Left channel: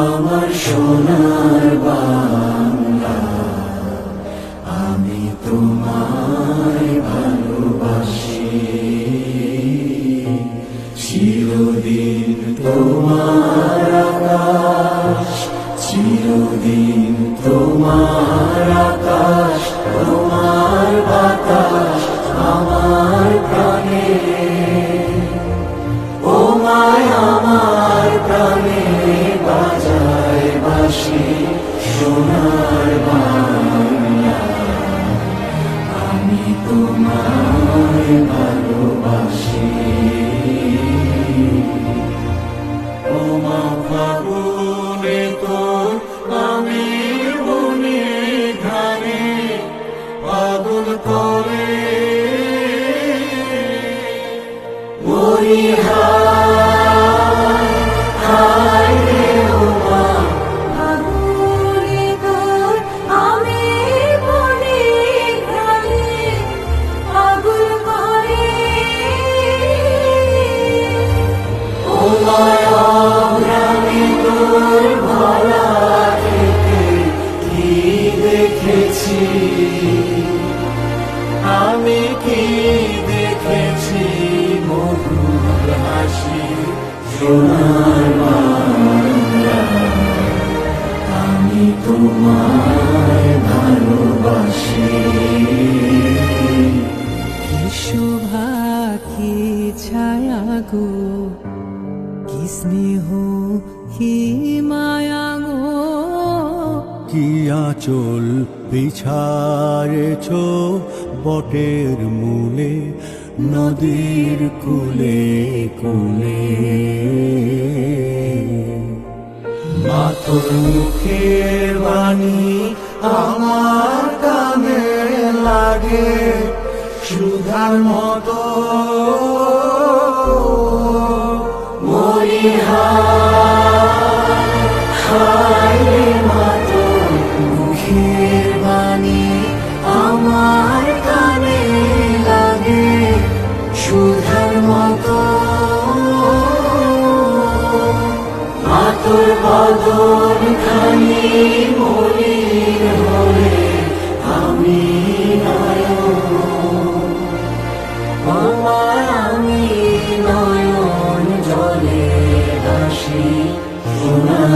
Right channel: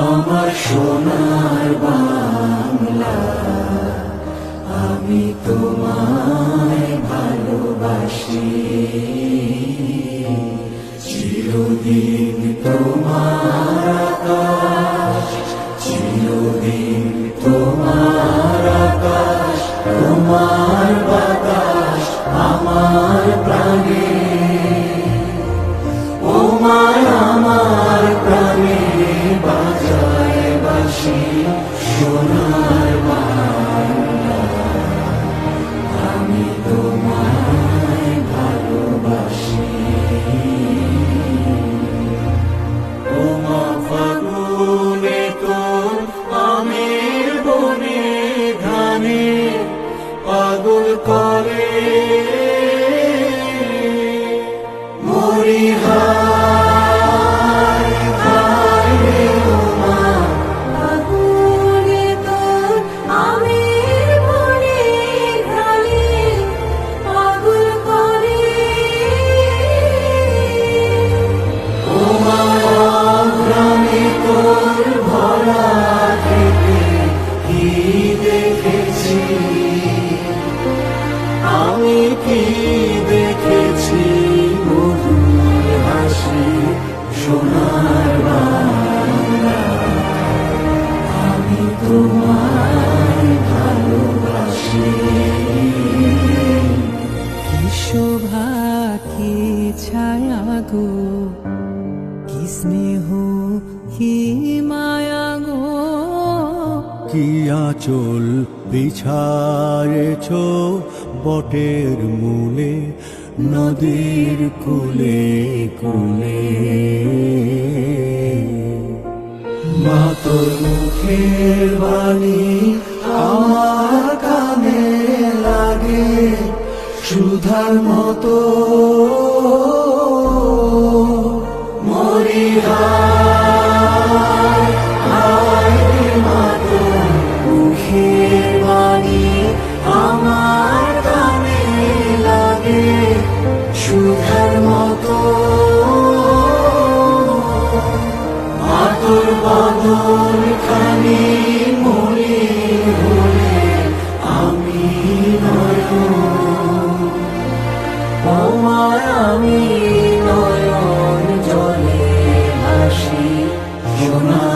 আমার সোনার বাংলা, আমি তোমায় ভালোবাসি। চিরদিন তোমার আকাশ, চিরদিন তোমার আকাশ, তোমার বাতাস আমার প্রাণে। ও মায় আমার প্রাণে বাজায় বাঁশি সোনার বাংলা, আমি তোমায় ভালোবাসি। ও মা ফাগুনে তোর আমের বনে ঘানে পাগল করে মরি হায় হায় রে। ও মা ফাগুনে তোর আমের বনে ঘ্রাণে পাগল করে। ও মা অঘ্রাণে তোর ভরা খেতে কি দেখেছি, আমি কি দেখেছি মধুর হাসি সোনার বাংলা, আমি তোমায় ভালোবাসি। কি শোভা কি ছায়া গো, কি স্নেহ কি মায়া গো, কি আঁচল বিছায়েছ বটের মূলে, নদীর কূলে কূলে। মা তোর মুখের বাণী আমার কানে লাগে সুধার মতো। মরি হায় হায় রে। মা তোর মুখের বাণী আমার কানে লাগে সুধার মতো। মা তোর বদন খানি মলিন হলে আমি নয়ন, ও মা আমি নয়ন জলে ভাসি সোনা